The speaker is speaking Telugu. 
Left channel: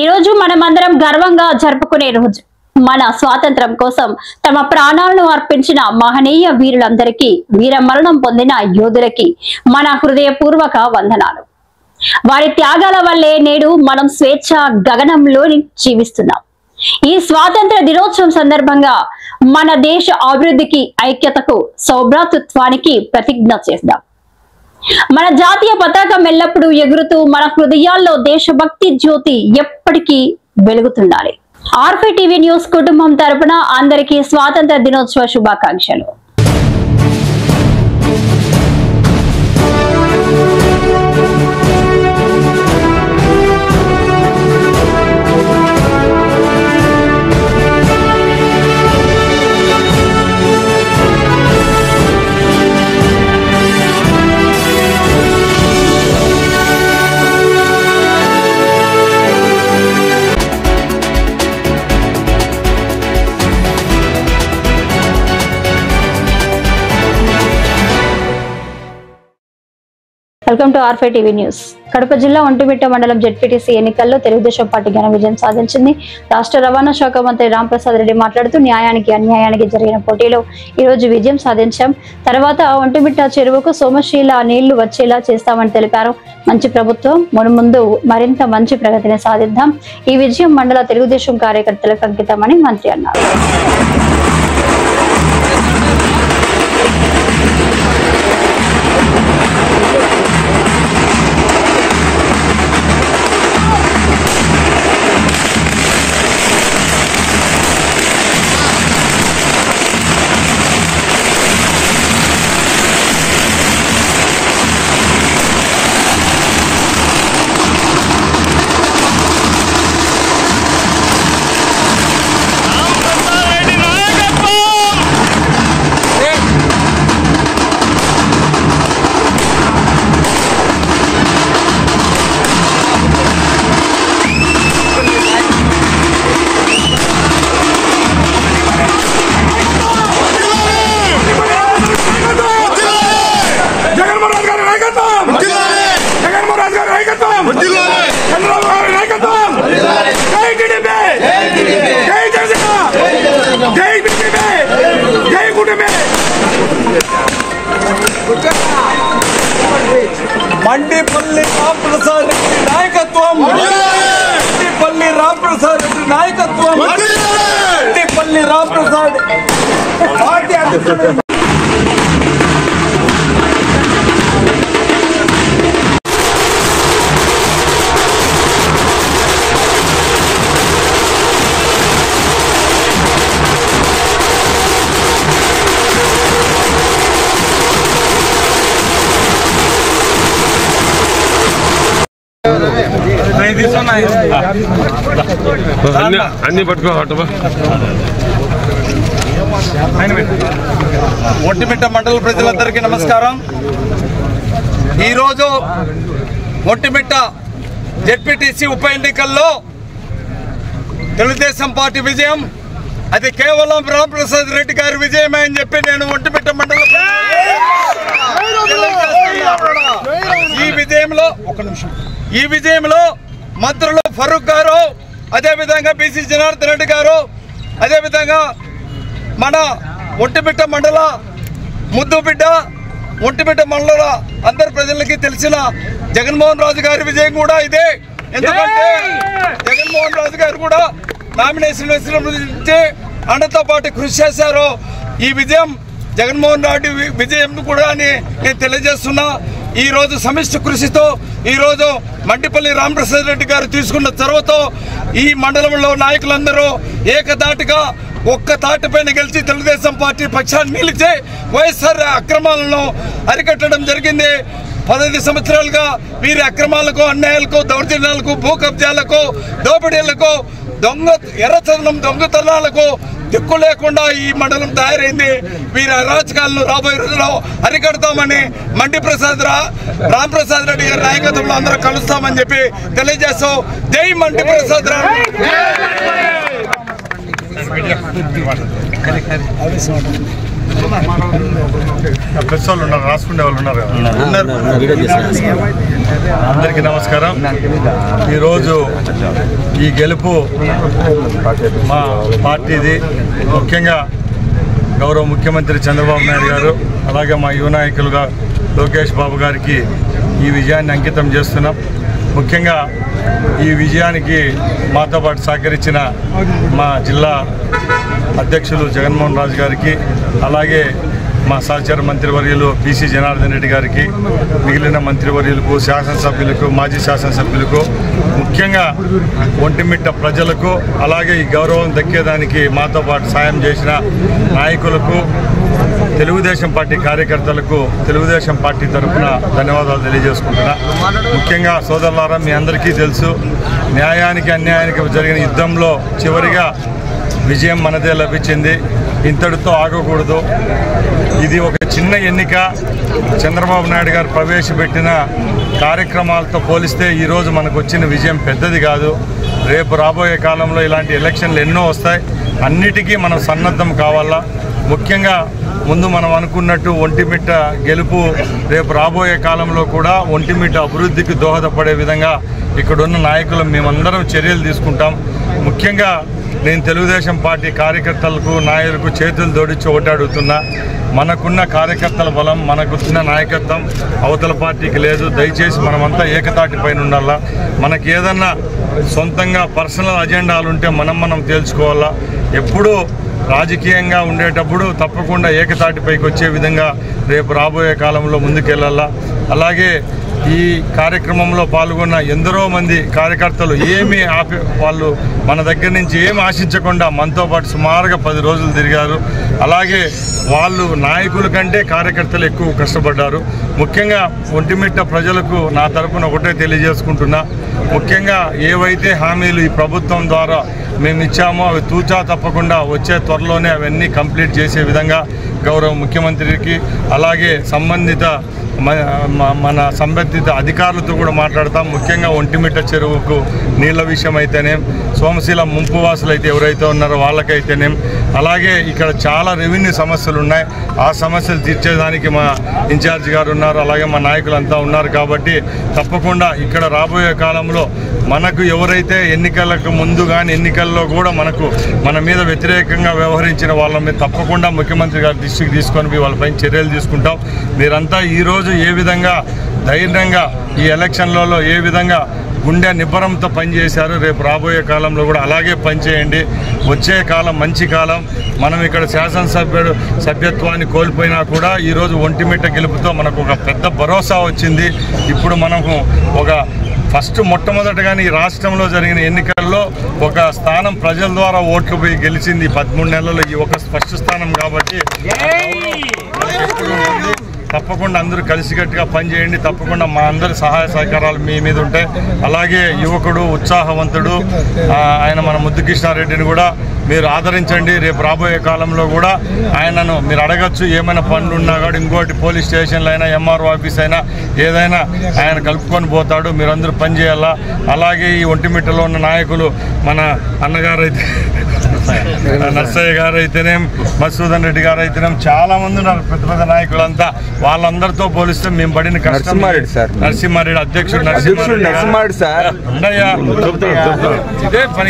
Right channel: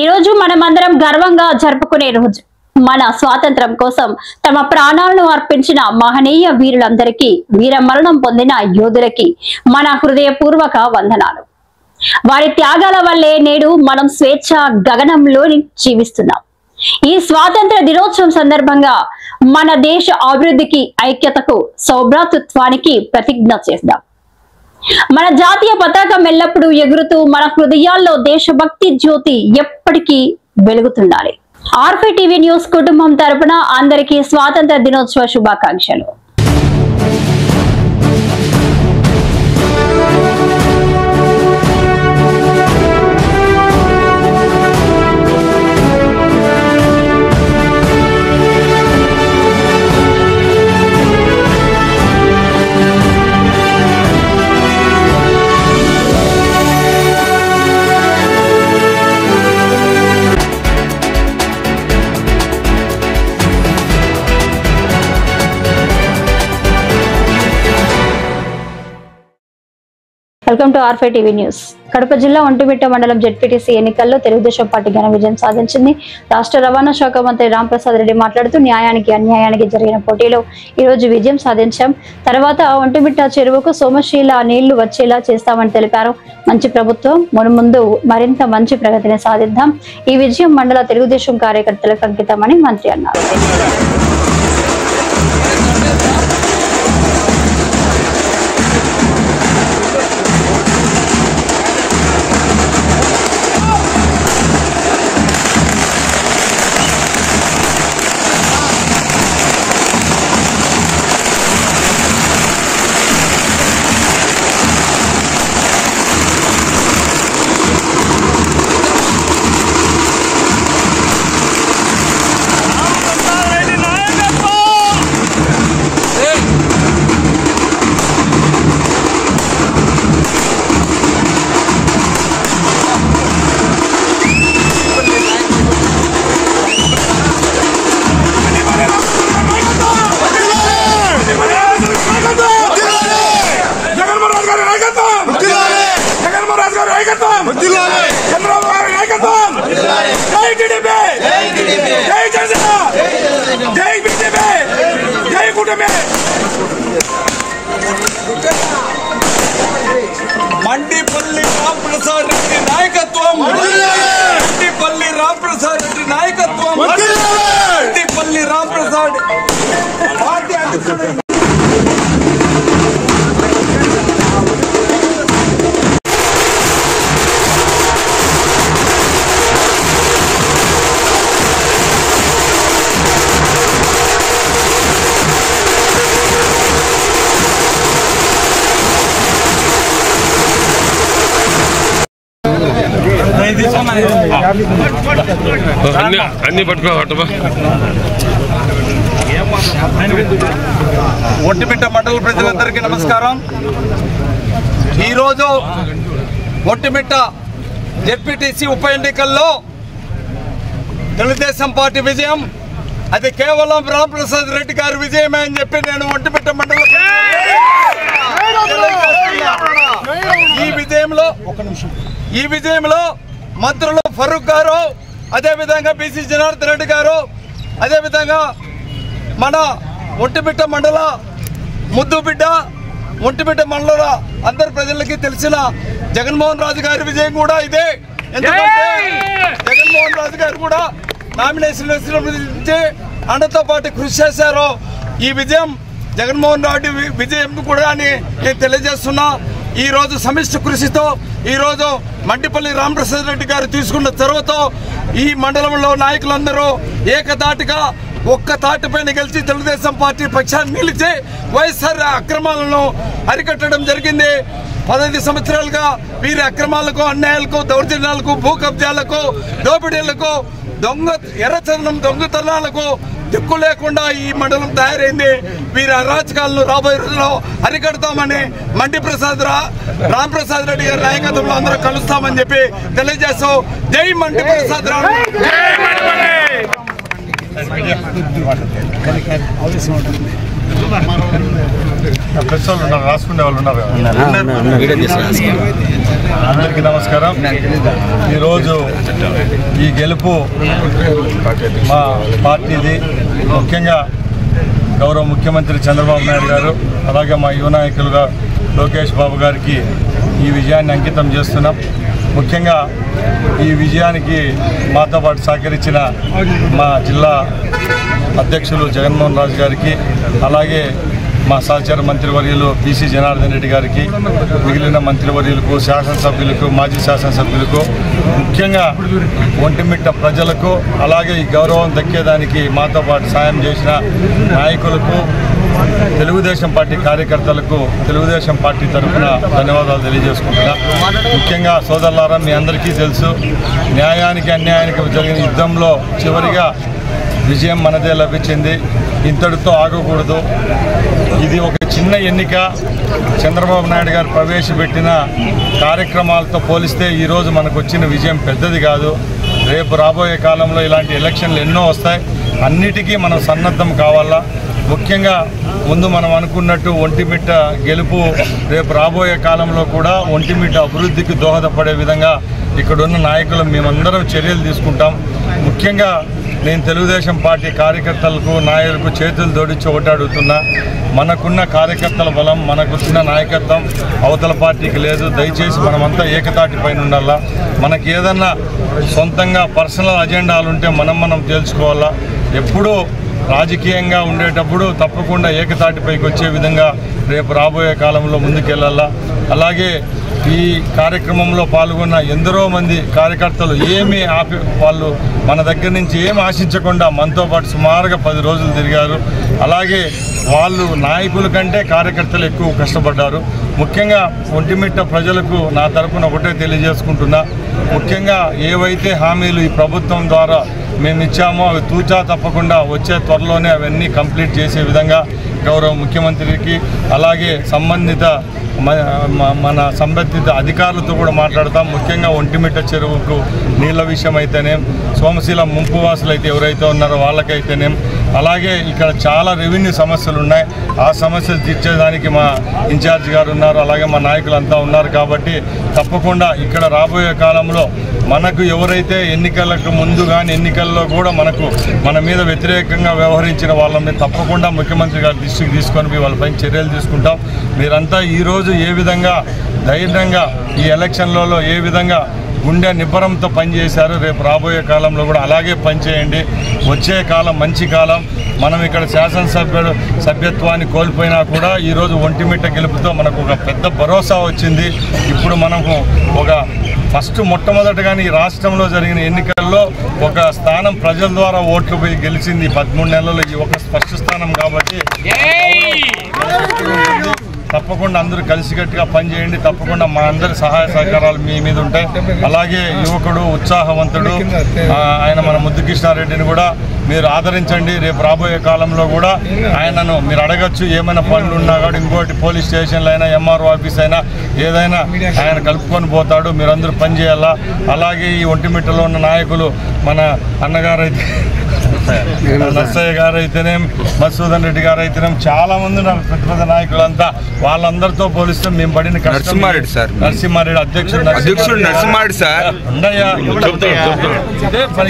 ఈ రోజు మనమందరం గర్వంగా జరుపుకునే రోజు. మన స్వాతంత్రం కోసం తమ ప్రాణాలను అర్పించిన మహనీయ వీరులందరికీ, వీర మరణం పొందిన యోధులకి మన హృదయపూర్వక వందనాలు. వారి త్యాగాల వల్లే నేడు మనం స్వేచ్ఛ గగనంలోని జీవిస్తున్నాం. ఈ స్వాతంత్ర దినోత్సవం సందర్భంగా మన దేశ అభివృద్ధికి, ఐక్యతకు, సౌభ్రాతృత్వానికి ప్రతిజ్ఞ చేద్దాం. మన జాతీయ పతాకం ఎల్లప్పుడూ ఎగురుతూ మన హృదయాల్లో దేశభక్తి జ్యోతి ఎప్పటికీ వెలుగుతుండాలి. ఆర్ఫీ టీవీ న్యూస్ కుటుంబం తరపున అందరికీ స్వాతంత్ర దినోత్సవ శుభాకాంక్షలు. Welcome to ఆర్ఫీ TV news. Kadapa జిల్లా ఒంటిమిట్ట మండలం జెడ్పీటీసీ ఎన్నికల్లో తెలుగుదేశం పార్టీ ఘన విజయం సాధించింది. రాష్ట్ర రవాణా శాఖ మంత్రి రాంప్రసాద్ రెడ్డి మాట్లాడుతూ న్యాయానికి అన్యాయానికి జరిగిన పోటీలో ఈ రోజు విజయం సాధించాం. తర్వాత ఒంటిమిట్ట చెరువుకు సోమశీల నీళ్లు వచ్చేలా చేస్తామని తెలిపారు. మంచి ప్రభుత్వం, మున్ముందు మరింత మంచి ప్రగతిని సాధిద్దాం. ఈ విజయం మండల తెలుగుదేశం కార్యకర్తలకు అంకితమని మంత్రి అన్నారు. మండిపల్లి రాంప్రసాద్ రెడ్డి నాయకత్వం, మండిపల్లి రాంప్రసాద్ రెడ్డి నాయకత్వం, మండిపల్లి రాంప్రసాద్ పార్టీ అధ్యక్షుడు. అన్ని పట్టుకో. ఒంటిమిట్ట మండల ప్రజలందరికీ నమస్కారం. ఈరోజు ఒంటిమిట్ట జెడ్పీటీసీ ఉప ఎన్నికల్లో తెలుగుదేశం పార్టీ విజయం, అది కేవలం రాంప్రసాద్ రెడ్డి గారి విజయమే అని చెప్పి నేను ఒంటిమిట్ట మండల ఈ విజయంలో మంత్రులు ఫరూక్ గారు, అదేవిధంగా బీసీ జనార్దన్ రెడ్డి గారు, అదేవిధంగా మన ఒంటిమిట్ట మండల ముద్దు బిడ్డ, ఒంటిమిట్ట మండల అందరి ప్రజలకి తెలిసిన జగన్మోహన్ రాజు గారి విజయం కూడా ఇదే. ఎందుకంటే జగన్మోహన్ రాజు గారు కూడా నామినేషన్ నుంచి అన్నతో పాటు కృషి చేశారు. ఈ విజయం జగన్మోహన్ రెడ్డి విజయం కూడా అని నేను తెలియజేస్తున్నా. ఈ రోజు సమిష్టి కృషితో ఈ రోజు మండిపల్లి రాంప్రసాద్ రెడ్డి గారు తీసుకున్న చొరవతో ఈ మండలంలో నాయకులందరూ ఏకదాటిగా ఒక్క తాటిపైన గెలిచి తెలుగుదేశం పార్టీ పక్షాన్ని నిలిచి వైఎస్ఆర్ అక్రమాలను అరికట్టడం జరిగింది. 15 సంవత్సరాలుగా వీరి అక్రమాలకు, అన్యాయాలకు, దౌర్జన్యాలకు, భూ కబ్జాలకు, దోపిడీలకు, ఎర్రచందనం దొంగతనాలకు దిక్కు లేకుండా ఈ మండలం తయారైంది. వీరి అరాచకాలను రాబోయే రోజుల్లో అరికడతామని రాంప్రసాద్ రెడ్డి గారి నాయకత్వంలో అందరూ కలుస్తామని చెప్పి తెలియజేస్తాం. జై మండి ప్రసాద్ రెడ్డి. ప్రెస్ వాళ్ళు ఉన్నారు, రాసుకునే వాళ్ళు ఉన్నారు. అందరికీ నమస్కారం. ఈరోజు ఈ గెలుపు మా పార్టీది. ముఖ్యంగా గౌరవ ముఖ్యమంత్రి చంద్రబాబు నాయుడు గారు, అలాగే మా యువ నాయకులుగా లోకేష్ బాబు గారికి ఈ విజయాన్ని అంకితం చేస్తున్నాం. ముఖ్యంగా ఈ విజయానికి మాతో పాటు సహకరించిన మా జిల్లా అధ్యక్షులు జగన్మోహన్ రాజు గారికి, అలాగే మా సహచర మంత్రివర్యులు బీసీ జనార్దన్ రెడ్డి గారికి, మిగిలిన మంత్రివర్యులకు, శాసనసభ్యులకు, మాజీ శాసనసభ్యులకు, ముఖ్యంగా ఒంటిమిట్ట ప్రజలకు, అలాగే ఈ గౌరవం దక్కేదానికి మాతో పాటు సాయం చేసిన నాయకులకు, తెలుగుదేశం పార్టీ కార్యకర్తలకు తెలుగుదేశం పార్టీ తరఫున ధన్యవాదాలు తెలియజేసుకుంటున్నా. ముఖ్యంగా సోదరులారా, మీ అందరికీ తెలుసు, న్యాయానికి అన్యాయానికి జరిగిన యుద్ధంలో చివరిగా విజయం మనదే లభించింది. ఇంతటితో ఆగకూడదు. ఇది ఒక చిన్న ఎన్నిక. చంద్రబాబు నాయుడు గారు ప్రవేశపెట్టిన కార్యక్రమాలతో పోలిస్తే ఈరోజు మనకు వచ్చిన విజయం పెద్దది కాదు. రేపు రాబోయే కాలంలో ఇలాంటి ఎలక్షన్లు ఎన్నో వస్తాయి. అన్నిటికీ మనం సన్నద్ధం కావాలా. ముఖ్యంగా ముందు మనం అనుకున్నట్టు ఒంటిమిట్ట గెలుపు రేపు రాబోయే కాలంలో కూడా ఒంటిమిట్ట అభివృద్ధికి దోహదపడే విధంగా ఇక్కడున్న నాయకులు మేమందరం చర్యలు తీసుకుంటాం. ముఖ్యంగా నేను తెలుగుదేశం పార్టీ కార్యకర్తలకు, నాయకులకు చేతులు జోడించి ఒకటి అడుగుతున్నా. మనకున్న కార్యకర్తల బలం, మనకున్న నాయకత్వం అవతల పార్టీకి లేదు. దయచేసి మనమంతా ఏకతాటి పైన ఉండాలా. మనకి ఏదన్నా సొంతంగా పర్సనల్ అజెండాలు ఉంటే మనం తేల్చుకోవాలా. ఎప్పుడూ రాజకీయంగా ఉండేటప్పుడు తప్పకుండా ఏకతాటిపైకి వచ్చే విధంగా రేపు రాబోయే కాలంలో ముందుకెళ్లాలా. అలాగే ఈ కార్యక్రమంలో పాల్గొన్న ఎందరో మంది కార్యకర్తలు వాళ్ళు మన దగ్గర నుంచి ఏమి ఆశించకుండా మనతో పాటు సుమారుగా 10 రోజులు తిరిగారు. అలాగే వాళ్ళు నాయకుల కంటే కార్యకర్తలు ఎక్కువ కష్టపడ్డారు. ముఖ్యంగా ఒంటిమిట్ట ప్రజలకు నా తరపున ఒకటే తెలియజేసుకుంటున్నా. ముఖ్యంగా ఏవైతే హామీలు ఈ ప్రభుత్వం ద్వారా మేము ఇచ్చామో అవి తూచా తప్పకుండా వచ్చే త్వరలోనే అవన్నీ కంప్లీట్ చేసే విధంగా గౌరవ ముఖ్యమంత్రికి, అలాగే మన సంబంధిత అధికారులతో కూడా మాట్లాడతాం. ముఖ్యంగా ఒంటిమిట్ట చెరువుకు నీళ్ల విషయం అయితేనేం, సోమశీల ముంపు వాసులు అయితే ఎవరైతే ఉన్నారో వాళ్ళకైతేనేం, అలాగే ఇక్కడ చాలా రెవెన్యూ సమస్యలు ఉన్నాయి. ఆ సమస్యలు తీర్చేదానికి మా ఇన్ఛార్జి గారు ఉన్నారు, అలాగే మా నాయకులంతా ఉన్నారు. కాబట్టి తప్పకుండా ఇక్కడ రాబోయే కాలంలో మనకు ఎవరైతే ఎన్నికలకు ముందు కానీ ఎన్నికల్లో కూడా మన మీద వ్యతిరేకంగా వ్యవహరించిన వాళ్ళ మీద తప్పకుండా ముఖ్యమంత్రి గారి దృష్టికి తీసుకొని వాళ్ళపై చర్యలు తీసుకుంటాం. మీరంతా ఈరోజు ఏ విధంగా ధైర్యంగా ఈ ఎలక్షన్లలో ఏ విధంగా గుండె నిబ్బరంతో పనిచేశారు, రేపు రాబోయే కాలంలో కూడా అలాగే పనిచేయండి. వచ్చే కాలం మంచి కాలం. మనం ఇక్కడ సభ్యత్వాన్ని కోల్పోయినా కూడా ఈరోజు ఒంటిమిట్ట గెలుపుతో మనకు ఒక పెద్ద భరోసా వచ్చింది. ఇప్పుడు మనకు మొట్టమొదటిగానే ఈ రాష్ట్రంలో జరిగిన ఎన్నికల్లో ఒక స్థానం ప్రజల ద్వారా ఓట్లు పోయి గెలిచింది 13 నెలల్లో ఈ ఒక ఫస్ట్ స్థానం. కాబట్టి మనకు ఎప్పుడు ఉంటుంది. తప్పకుండా అందరూ కలిసికట్టుగా పనిచేయండి. తప్పకుండా మా అందరి సహాయ సహకారాలు మీ మీద ఉంటాయి. అలాగే యువకుడు, ఉత్సాహవంతుడు ఆయన మన ముద్దుకృష్ణారెడ్డిని కూడా మీరు ఆదరించండి. రేపు రాబోయే కాలంలో కూడా ఆయనను మీరు అడగచ్చు. ఏమైనా పనులు ఉన్నా కూడా ఇంకోటి పోలీస్ స్టేషన్లు అయినా, ఎంఆర్ఓ ఆఫీస్ అయినా ఏదైనా ఆయన కలుపుకొని పోతాడు. మీరందరూ పనిచేయాలా. అలాగే ఈ ఒంటిమిట్టలో ఉన్న నాయకులు మన అన్నగారు అయితే నర్సయ్య గారు అయితేనేం, మధుసూదన్ రెడ్డి గారు అయితేనేం, చాలా మంది ఉన్నారు పెద్ద నాయకులంతా. వాళ్ళందరితో పోలిస్తే మేము పడిన కష్టం. నరసింహారెడ్డి అధ్యక్షుడు నరసింహారెడ్డి సార్ ఉండయ్యా. ఇదే పని